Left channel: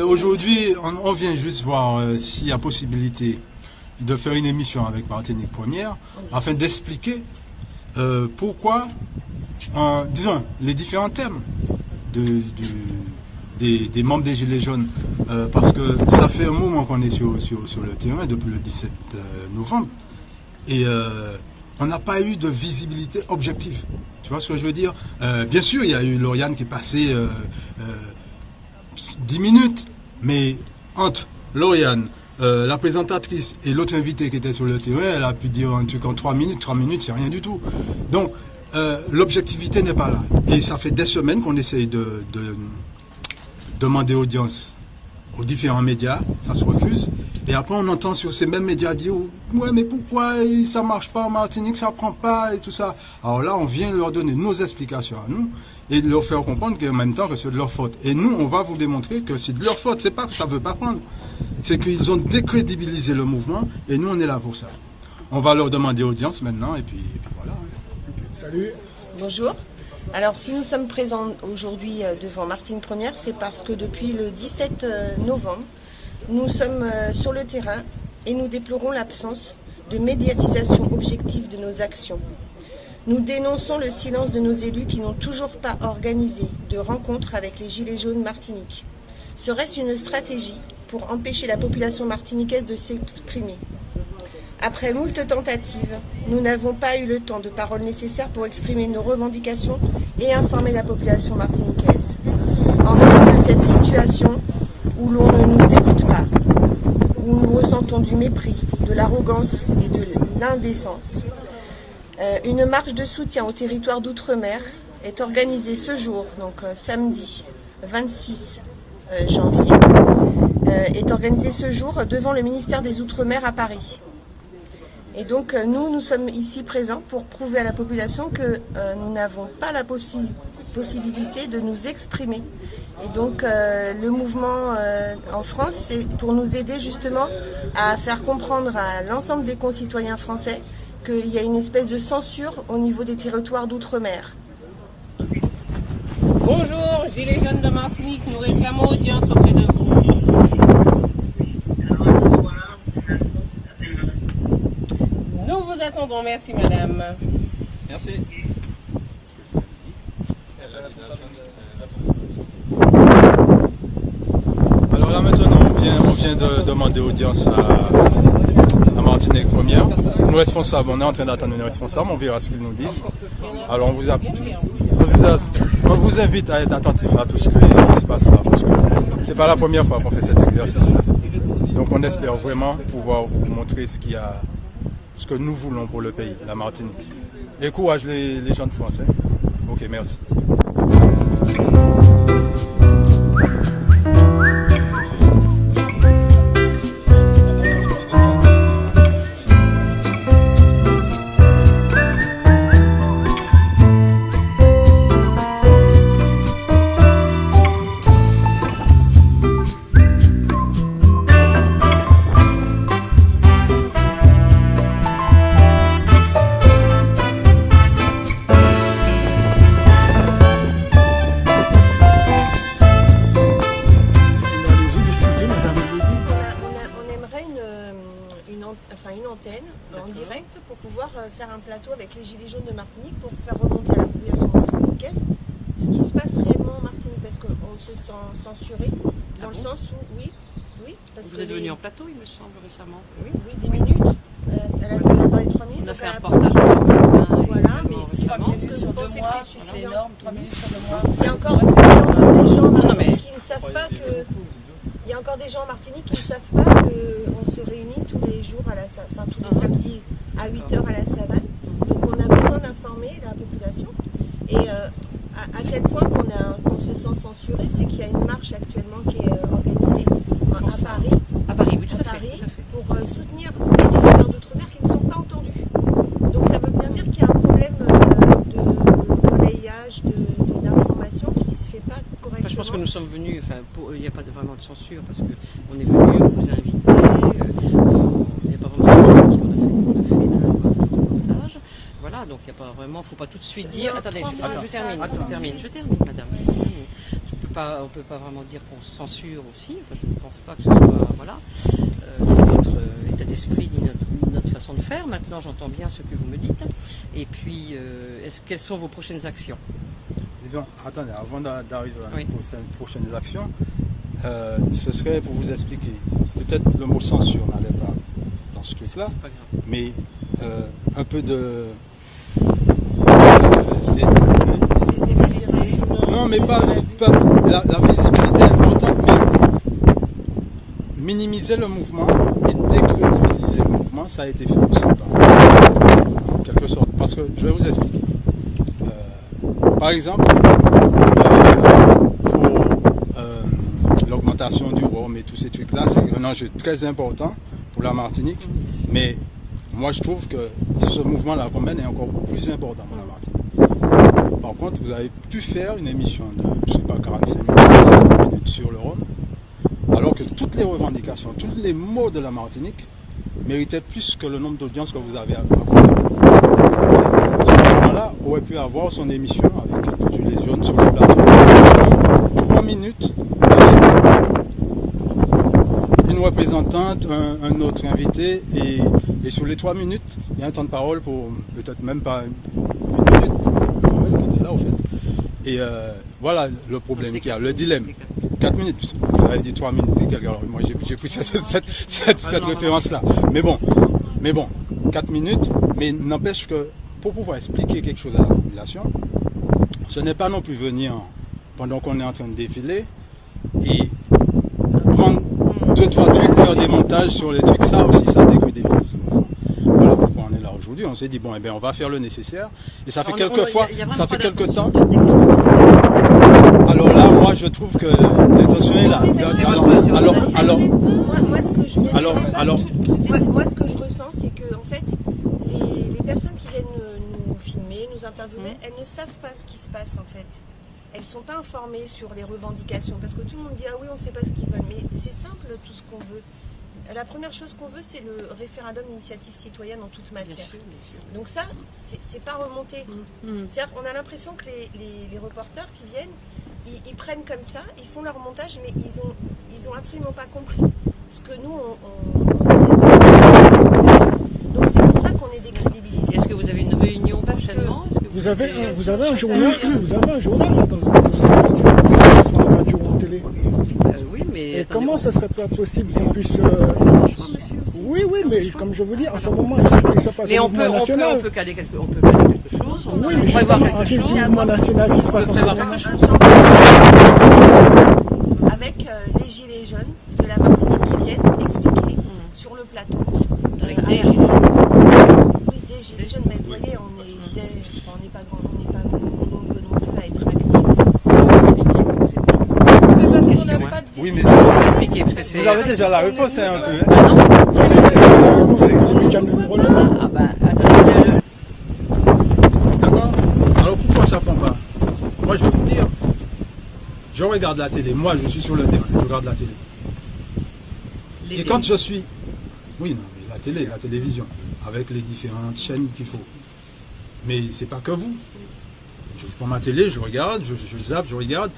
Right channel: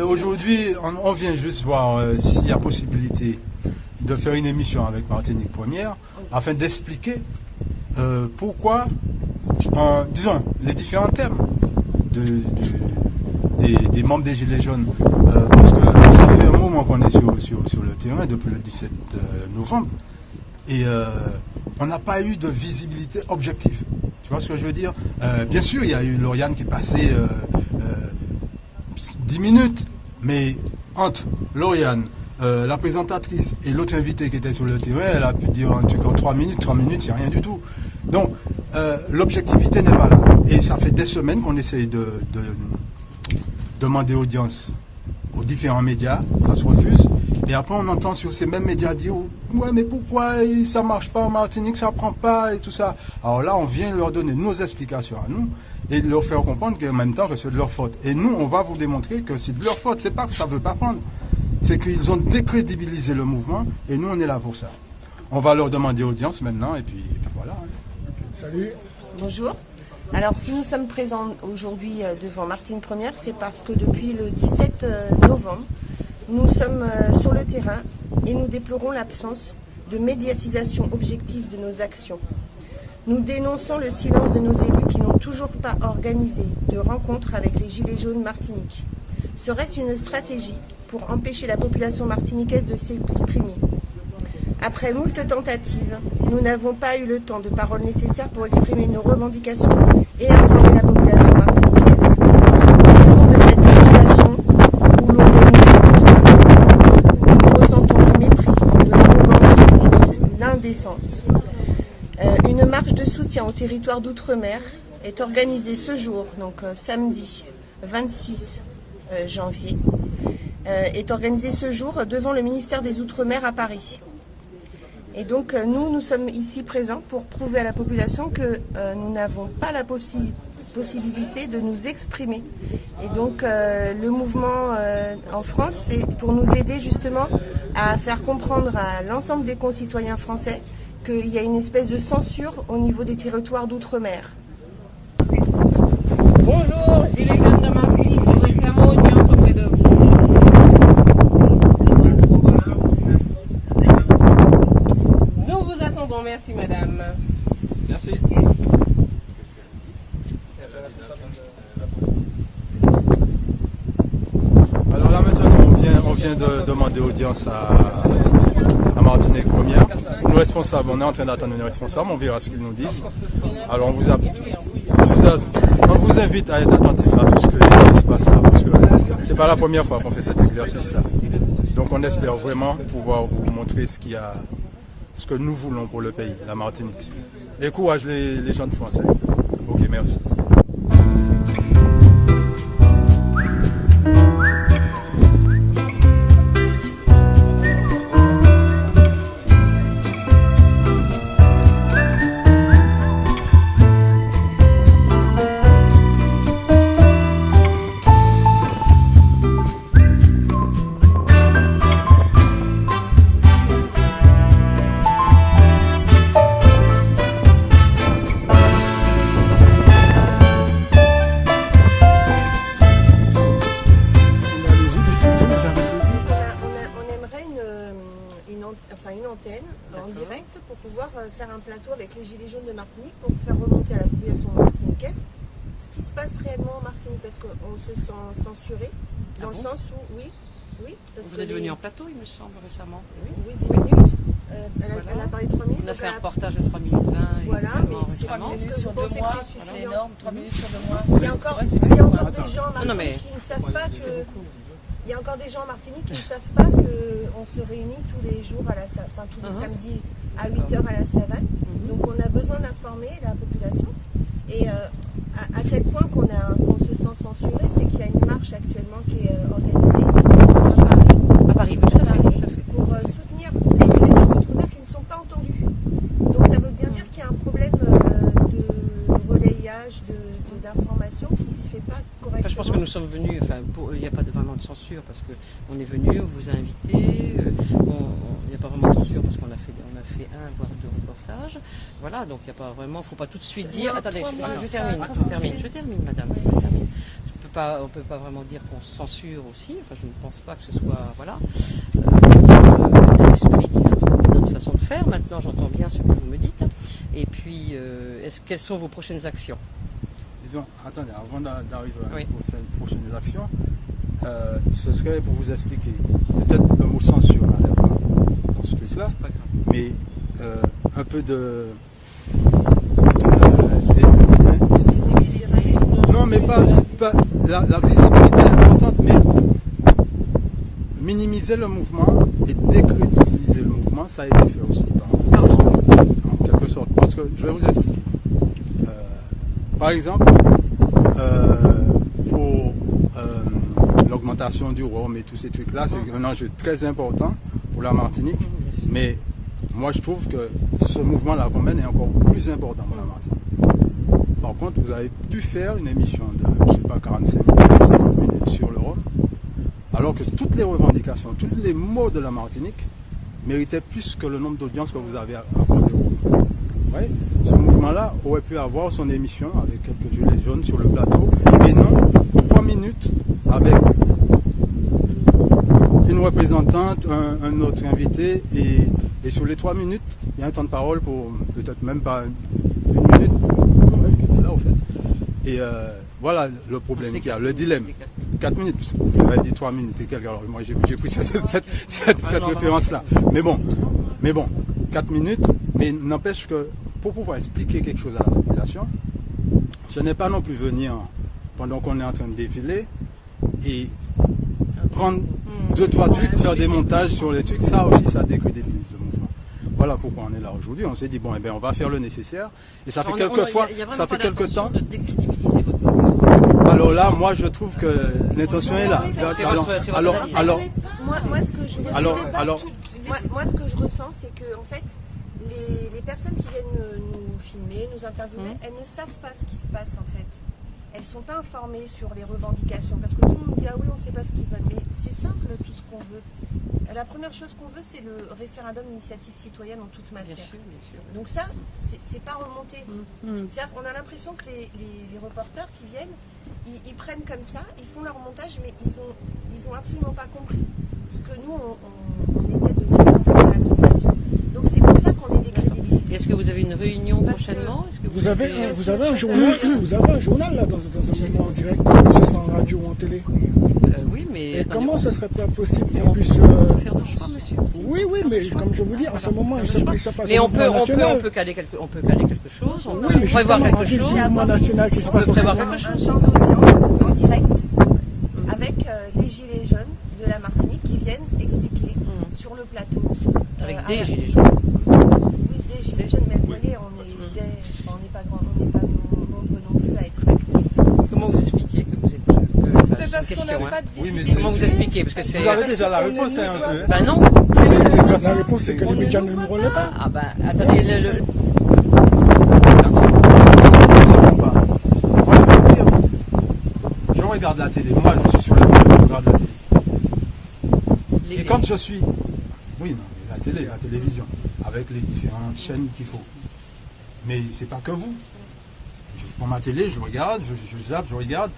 Aujourd'hui, on vient juste voir s'il y a possibilité de faire une émission avec Martinique Première afin d'expliquer pourquoi, disons, les différents thèmes des membres des Gilets jaunes, parce que ça fait un moment qu'on est sur le terrain depuis le 17 novembre et on n'a pas eu de visibilité objective. Tu vois ce que je veux dire? Bien sûr, il y a eu Lauriane qui est passée 10 minutes, mais entre Lauriane, la présentatrice et l'autre invité qui était sur le terrain, elle a pu dire un truc en 3 minutes. 3 minutes, c'est rien du tout. Donc, l'objectivité n'est pas là. Et ça fait des semaines qu'on essaye de demander audience aux différents médias, ça se refuse. Et après, on entend sur ces mêmes médias dire « Ouais, mais pourquoi ça ne marche pas en Martinique, ça ne prend pas et tout ça ». Alors là, on vient leur donner nos explications à nous et de leur faire comprendre qu'en même temps que c'est de leur faute. Et nous, on va vous démontrer que c'est de leur faute. C'est pas que ça ne veut pas prendre. C'est qu'ils ont décrédibilisé le mouvement et nous, on est là pour ça. On va leur demander audience maintenant et puis voilà. Okay. Salut. Bonjour. Alors, si nous sommes présents aujourd'hui devant Martinique Première, c'est parce que depuis le 17 novembre, nous sommes sur le terrain et nous déplorons l'absence de médiatisation objective de nos actions. Nous dénonçons le silence de nos élus qui n'ont toujours pas organisé de rencontre avec les Gilets jaunes Martinique. Serait-ce une stratégie pour empêcher la population martiniquaise de s'exprimer? Après moult tentatives, nous n'avons pas eu le temps de parole nécessaire pour exprimer nos revendications et informer la population martiniquaise. En raison de cette situation où l'on ne nous écoute pas, où nous ressentons du mépris, de l'arrogance et de l'indécence, une marche de soutien au territoire d'outre-mer est organisée ce jour, donc samedi 26 janvier, est organisée ce jour devant le ministère des Outre-mer à Paris. Et donc nous sommes ici présents pour prouver à la population que nous n'avons pas la possibilité de nous exprimer. Et donc le mouvement en France, c'est pour nous aider justement à faire comprendre à l'ensemble des concitoyens français qu'il y a une espèce de censure au niveau des territoires d'outre-mer. Bonjour, Gilets jaunes de Martinique, nous réclamons audience auprès de vous. Nous vous attendons, merci madame. Merci. Alors là maintenant, on vient de demander audience à Martinique Première. Nos responsables, on est en train d'attendre nos responsables, on verra ce qu'ils nous disent. Alors on vous invite à être attentif à tout ce qui se passe là, parce que c'est pas la première fois qu'on fait cet exercice-là. Donc on espère vraiment pouvoir vous montrer ce que nous voulons pour le pays, la Martinique. Et courage les gens de français. Ok, merci. Une antenne en direct pour pouvoir faire un plateau avec les Gilets jaunes de Martinique pour faire remonter à la population martiniquaise ce qui se passe réellement en Martinique, parce qu'on se sent censuré dans le sens où, oui, parce vous que êtes venu en plateau, il me semble, récemment. Oui, 10 minutes. Elle a parlé 3 minutes. On a donc fait un reportage. Voilà, mais est-ce que vous pensez que c'est suffisant? 3 minutes sur le mois. Il y a encore des gens en Martinique mais- qui ne savent pas que... Il y a encore des gens en Martinique qui ne savent pas qu'on se réunit tous les jours, tous les samedis à 8h à la savane. Donc on a besoin d'informer la population. Et à quel point qu'on se sent censuré, c'est qu'il y a une marche actuellement qui est organisée à Paris, tout à fait. pour soutenir les territoires d'outre-mer qui ne sont pas entendus. Donc ça veut bien dire qu'il y a un problème de relayage, d'information qui ne se fait pas correctement. Enfin, je pense que nous sommes venus, il n'y a pas vraiment de censure, parce qu'on est venu, on vous a invité, il n'y a pas vraiment de censure, on a fait un reportage. Voilà, donc il n'y a pas vraiment, il ne faut pas tout de suite dire. Attendez, je termine, madame. Je ne peux peut pas vraiment dire qu'on censure aussi. Enfin, je ne pense pas que ce soit voilà. L'état d'esprit dit notre façon de faire. Maintenant, j'entends bien ce que vous me dites. Et puis, quelles sont vos prochaines actions? Disons, attendez, avant d'arriver à Oui. prochaines actions, ce serait pour vous expliquer. Peut-être le mot censure n'allait pas dans ce truc-là, C'est pas grave. mais un peu de Visibilité. non, mais pas la visibilité est importante, mais minimiser le mouvement et décrédibiliser le mouvement, ça a été fait aussi en quelque sorte. Parce que je vais vous expliquer. Par exemple, pour l'augmentation du rhum et tous ces trucs-là, c'est un enjeu très important pour la Martinique, mais moi je trouve que ce mouvement-là qu'on mène est encore plus important pour la Martinique. Par contre, vous avez pu faire une émission de, je sais pas, 45 minutes sur le rhum, alors que toutes les revendications, tous les mots de la Martinique méritaient plus que le nombre d'audiences que vous avez à ce mouvement-là aurait pu avoir son émission avec Julie Jaune sur le plateau. 3 minutes avec une représentante, un autre invité, et sur les 3 minutes, il y a un temps de parole pour peut-être même pas une minute pour elle qui était là au fait. Et voilà le problème qu'il y a, le dilemme. 4 minutes, vous avez dit 3 minutes et quelques, alors moi j'ai pris cette référence-là. Mais bon, 4 minutes, mais n'empêche que pour pouvoir expliquer quelque chose à la population, ce n'est pas non plus venir pendant qu'on est en train de défiler et prendre 2-3 trucs, faire des montages sur les trucs, ça aussi ça décrédibilise le mouvement. Voilà pourquoi on est là aujourd'hui. On s'est dit bon, eh bien, on va faire le nécessaire. Et ça fait quelques fois, ça fait quelques temps. Alors là, moi je trouve que l'intention est là. Moi, ce que je ressens, c'est que en fait, les personnes qui viennent nous filmer, nous interviewer, elles ne savent pas ce qui se passe en fait. Elles ne sont pas informées sur les revendications parce que tout le monde dit ah oui, on ne sait pas ce qu'ils veulent, mais c'est simple tout ce qu'on veut. La première chose qu'on veut, c'est le référendum d'initiative citoyenne en toute matière. Bien sûr. Donc ça, c'est pas remonté. C'est-à-dire qu'on a l'impression que les reporters qui viennent, ils prennent comme ça, ils font leur montage, mais ils ont absolument pas compris ce que nous on essaie de faire. Donc c'est pour ça qu'on est décrédibilisé. Est-ce que vous avez une réunion prochainement? Vous avez un journal là dans une radio ou en télé. Oui, mais. Et comment ce serait pas possible qu'on puisse. Oui, mais comme je vous dis, en ce moment, il se passe un mouvement national. On peut caler quelque chose. Oui, mais justement, en quel mouvement national qui se passe en ce moment? Un champ avec les gilets jaunes de la Martinique qui viennent expliquer sur le plateau. Avec des gilets jaunes. Oui, des gilets jaunes, mais vous voyez, on n'est pas nombreux non plus à être actifs. Vous expliquez que vous êtes. Oui, mais Vous expliquez, parce que c'est. vous avez déjà la réponse, c'est un peu. Ah non. La réponse, c'est que les médias ne nous relaient pas. Ah ben, attendez, D'accord. Alors, ça prend pas. Moi, je veux dire, je regarde la télé. Moi, je suis sur le terrain, je regarde la télé. Et quand je suis. Oui, non, mais la télé, la télévision, avec les différentes chaînes qu'il faut. Mais c'est pas que vous. Je prends ma télé, je regarde, je zappe, je regarde.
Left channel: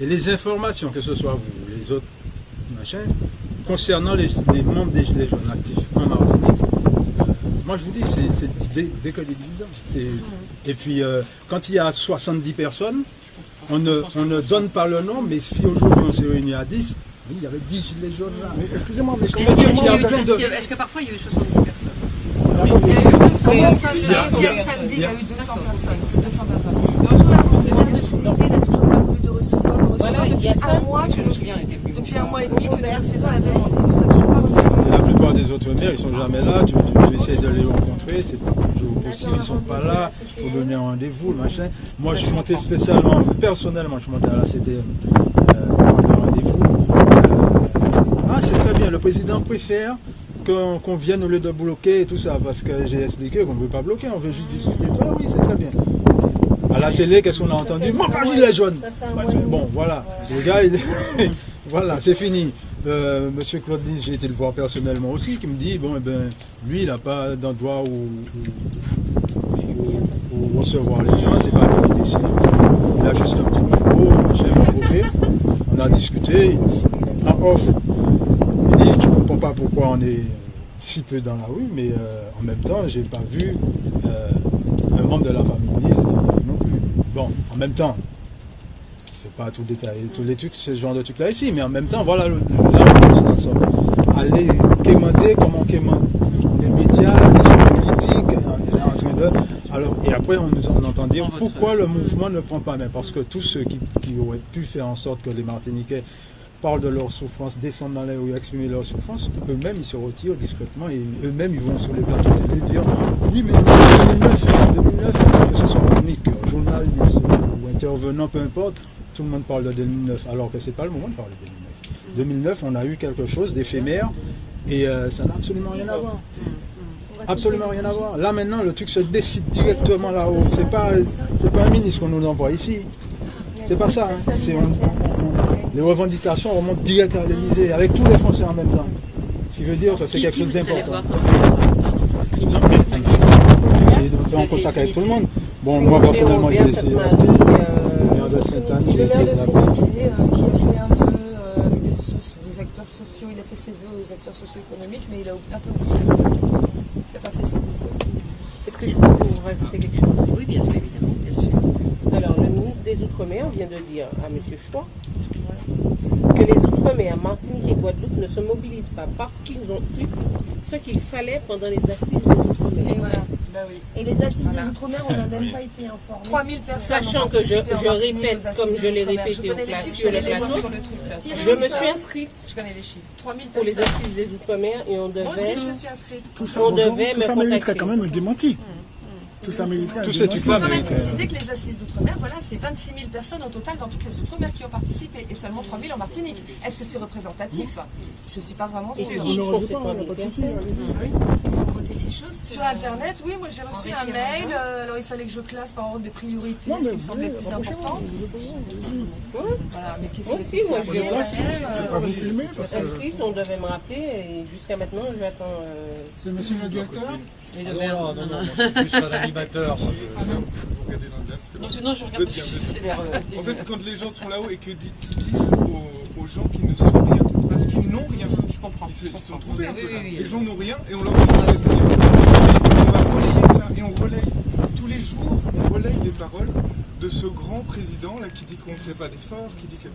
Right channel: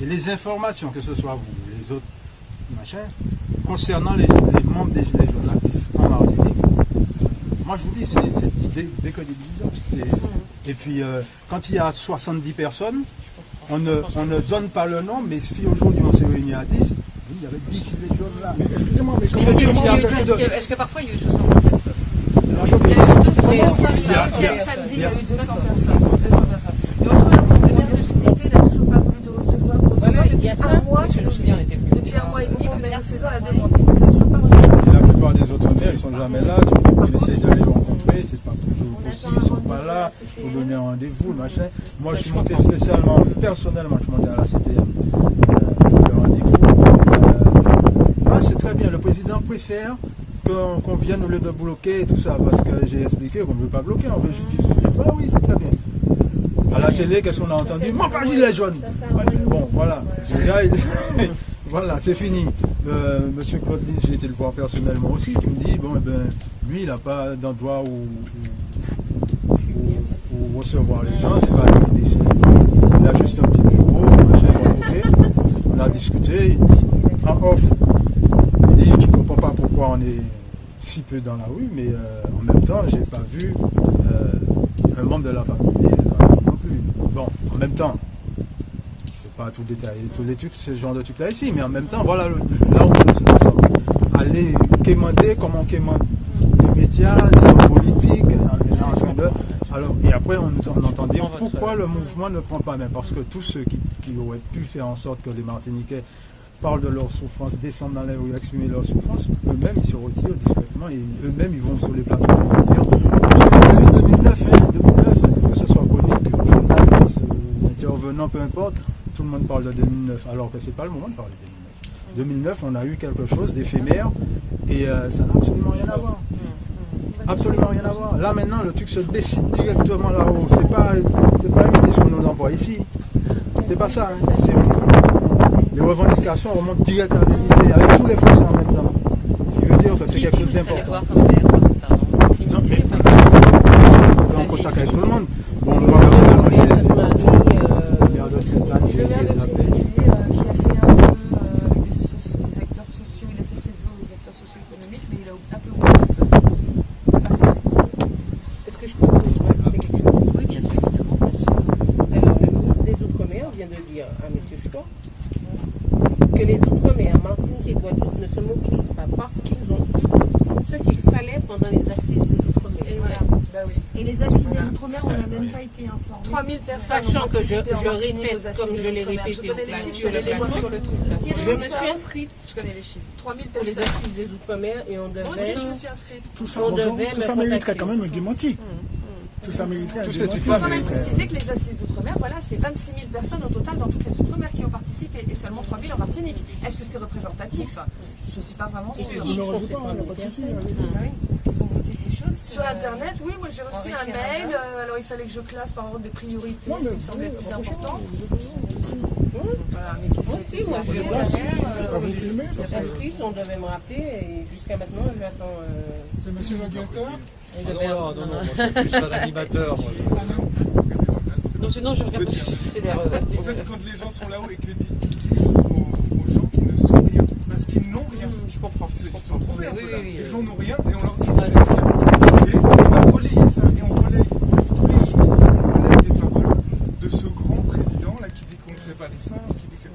Et les informations, que ce soit vous ou les autres machins, concernant les membres des Gilets jaunes actifs en Martinique, moi je vous dis, c'est décrédibilisant. Et puis, quand il y a 70 personnes, on ne donne pas le nom, mais si aujourd'hui on s'est réunis à 10, oui, il y avait 10 Gilets jaunes là. Mais excusez-moi, mais comment est-ce que parfois il y a eu 60 personnes? Attendez, comment Samedi, il y a eu 200 personnes. Il a toujours pas voulu de recevoir. Voilà, il y a Depuis ça. un mois, Je me souviens, on était plus. depuis un mois et demi, première saison, elle a demandé. Nous avons toujours pas reçu. La plupart des autres maires, ils sont jamais là. Tu essaies de les rencontrer, c'est pas toujours possible, ils sont pas là. Il faut donner un rendez-vous, machin. Moi, je suis monté spécialement, personnellement, je suis monté à la CTM. Rendez-vous. C'est très bien. Le président préfère qu'on vienne au lieu de bloquer et tout ça, parce que j'ai expliqué qu'on ne veut pas bloquer, on veut juste discuter. Ah oui, c'est très bien. À la télé, qu'est-ce qu'on a entendu? Mon pas gilet jaune. Bon, voilà. Le gars, voilà, c'est fini. Monsieur Claude Lys, j'ai été le voir personnellement aussi, qui me dit, bon, eh ben, lui, il n'a pas d'endroit où pour recevoir les gens, c'est pas lui qui décide. Il a juste un petit micro, on a discuté, en off, il dit tu comprends pas pourquoi on est si peu dans la rue, mais en même temps, j'ai pas vu un membre de la famille non plus. Bon, en même temps, je ne vais pas tout détailler, tous les trucs, ce genre de trucs là ici, mais en même temps, voilà, là nous sommes allés quémander, comment quémande les médias, les politiques, on est là en train de... Alors, et après, on entend dire pourquoi le mouvement ne prend pas main, parce que tous ceux qui auraient pu faire en sorte que les Martiniquais parlent de leur souffrance, descendent dans les rues, exprimer leur souffrance, eux-mêmes ils se retirent discrètement et eux-mêmes ils vont sur les plateaux et vont dire oui, mais 2009, que ce soit chronique, journaliste ou intervenant, peu importe, tout le monde parle de 2009, alors que c'est pas le moment de parler de 2009. 2009, on a eu quelque chose d'éphémère et ça n'a absolument rien à voir. Absolument rien à voir. Là maintenant, le truc se décide directement là-haut. C'est pas un ministre qu'on nous envoie ici. C'est pas ça. Hein. Les revendications remontent direct à l'Élysée, avec tous les Français en même temps. Ce qui veut dire que c'est quelque chose d'important. Non, mais c'est en contact avec tout le monde. Bon, moi, personnellement, j'ai laissé maire de Sainte-Anne, j'ai laissé la qui a fait un vœu avec des acteurs sociaux, il a fait ses vœux aux acteurs socio-économiques, mais il a un peu oublié. Il n'a pas fait ça. Est-ce que je peux vous rajouter quelque chose? Oui, bien sûr, évidemment, bien sûr. Alors, le ministre des Outre-mer vient de dire à M. Choix que les Outre-mer, Martinique et Guadeloupe ne se mobilisent pas parce qu'ils ont eu ce qu'il fallait pendant les assises des Outre-mer. Et voilà. Bah oui. Et les assises des Outre-mer, on n'a même pas été informés. 3000 personnes. Sachant que je répète, comme je l'ai répété sur le plateau, je me suis inscrite Je connais les chiffres. 3000 pour les personnes. assises des Outre-mer et on Moi aussi, je devait... me suis inscrite. Tout ça, On bonjour, devait tout me ça mériterait contacter. quand même un démenti. Tout ça mériterait un Tout ce démenti. qui Il faut quand mais, même préciser que les assises d'outre-mer, voilà, c'est 26 000 personnes au total dans toutes les outre-mer qui ont participé et seulement 3 000 en Martinique. Est-ce que c'est représentatif? Je ne suis pas vraiment Et sûre. qui ne sont revenez ces pas, on n'a 3000 pas de souci, personnes? Parce qu'ils ont voté des choses. Sur que- Internet, oui, moi j'ai reçu un mail. Alors il fallait que je classe par ordre des priorités, Non, ce mais qui me semblait vous plus voyez, important. rapprochez-vous. Voilà, mais qu'est-ce Moi que aussi, moi je l'ai Là, reçu. c'est pas vous filmer parce que Inscrite, on devait me rappeler et jusqu'à maintenant j'attends c'est monsieur le directeur. les deux Non, moi je suis juste un animateur. Moi, Non, sinon, je regarde En fait, quand les gens sont là-haut et qu'ils disent aux gens qu'ils ne sont rien, parce qu'ils n'ont rien, Je comprends. ils sont trompés un peu là. Oui, oui, Les oui. gens n'ont rien et on leur dit qu'ils n'ont rien. On va relayer ça et on relaye tous les jours, on relaye les paroles de ce grand président là qui dit qu'on ne fait pas d'efforts, qui dit que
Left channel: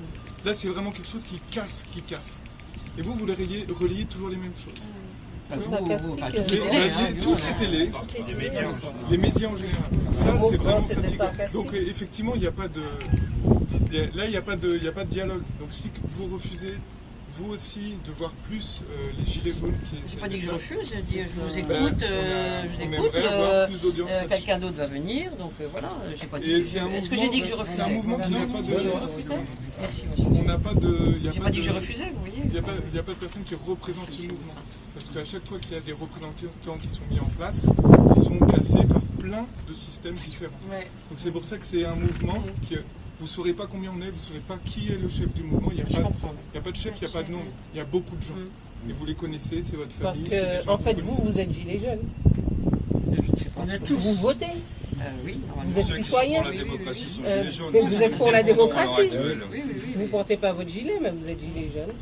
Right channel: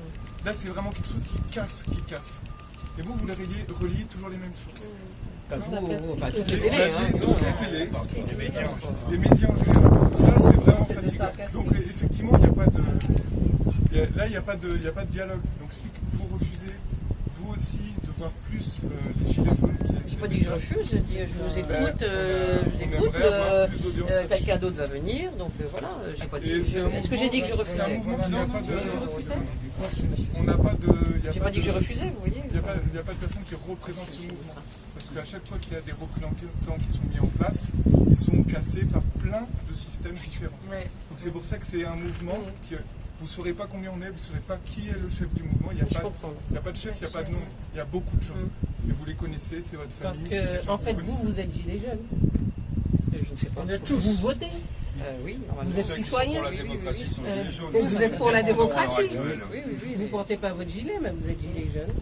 là c'est vraiment quelque chose qui casse. Et vous relayez toujours les mêmes choses. Enfin, toutes les Les- télés, hein. toutes les télés, les médias en général. Ça, c'est vraiment C'était fatigant. sarcastique. Donc, effectivement, il n'y a pas de. Là, il n'y a pas de dialogue. Donc, si vous refusez, vous aussi, de voir plus les gilets jaunes qui. Je n'ai pas dit que je refuse, je dis je vous écoute, on aimerait avoir plus d'audience là-dessus. quelqu'un d'autre va venir, donc voilà, j'ai pas dit. Et c'est un Est-ce que mouvement- j'ai dit que je c'est un refusais? mouvement qui n'a pas de. Je refusais. Merci, monsieur. On n'a pas de. il y a J'ai pas dit que je refusais, vous voyez. Il n'y a pas de personne qui représente ce mouvement. Parce qu'à chaque fois qu'il y a des représentants qui sont mis en place, ils sont cassés par plein de systèmes différents. Ouais. Donc c'est pour ça que c'est un mouvement que vous ne saurez pas combien on est, vous ne saurez pas qui est le chef du mouvement. Il n'y a, pas de chef, il n'y a pas de nom. Il y a beaucoup de gens. Et vous les connaissez, c'est votre Parce famille. c'est des que, gens en que fait, vous vous, connaissez. vous êtes gilets jaunes. Oui, c'est pas Vous votez. oui, Vous normalement. êtes citoyen. la démocratie sont Euh, gilets jaunes. donc vous êtes pour la démocratie. Oui, oui, oui. Vous portez pas votre gilet, mais vous êtes gilet jaune.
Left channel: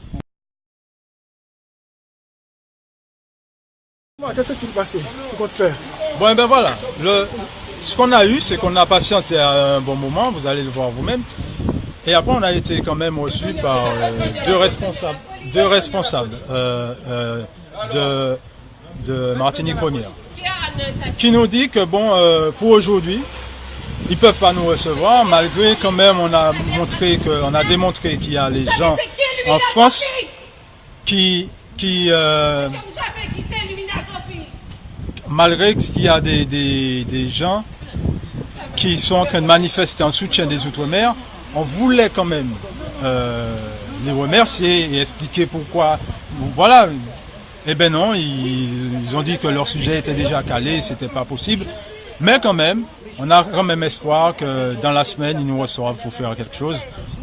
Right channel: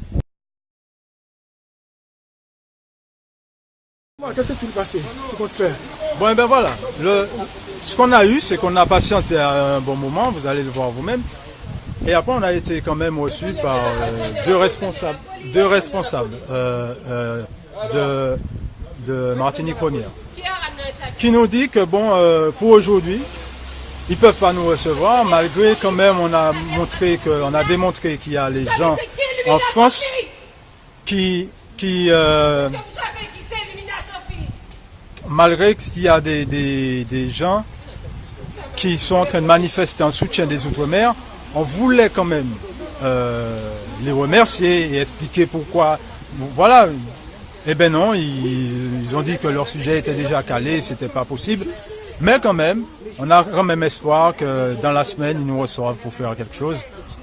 Bon, qu'est-ce qui s'est passé? Tu comptes faire? Bon, et ben voilà. Ce qu'on a eu, c'est qu'on a patienté un bon moment, vous allez le voir vous-même. Et après, on a été quand même reçu par deux responsables de Martinique Première, qui nous dit que bon, pour aujourd'hui, ils peuvent pas nous recevoir, malgré quand même on a démontré qu'il y a les gens en France qui malgré qu'il y a des gens qui sont en train de manifester en soutien des Outre-mer, on voulait quand même les remercier et expliquer pourquoi. Voilà. Eh ben non, ils ont dit que leur sujet était déjà calé, c'était pas possible. Mais quand même, on a quand même espoir que dans la semaine, ils nous reçoivent pour faire quelque chose.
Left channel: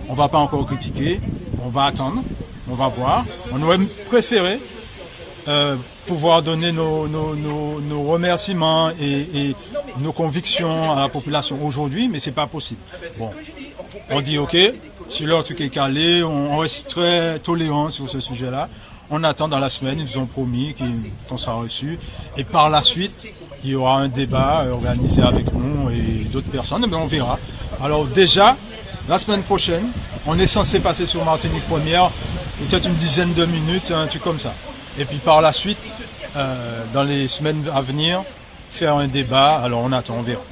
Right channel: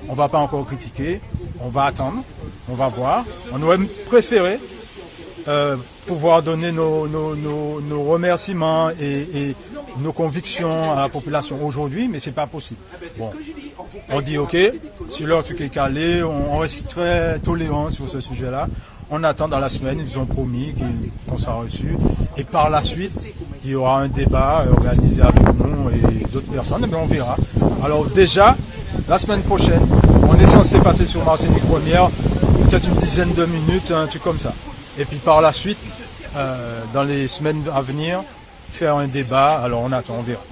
On va pas encore critiquer, on va attendre, on va voir. On aurait préféré pouvoir donner nos remerciements et nos convictions à la population aujourd'hui, mais c'est pas possible. Bon, on dit ok, si leur truc est calé, on reste très tolérant sur ce sujet-là. On attend dans la semaine, ils nous ont promis qu'on sera reçus. Et par la suite, il y aura un débat organisé avec nous et d'autres personnes, mais on verra. Alors déjà, la semaine prochaine, on est censé passer sur Martinique Première, peut-être une dizaine de minutes, un truc comme ça. Et puis par la suite, dans les semaines à venir, faire un débat. Alors on attend, on verra.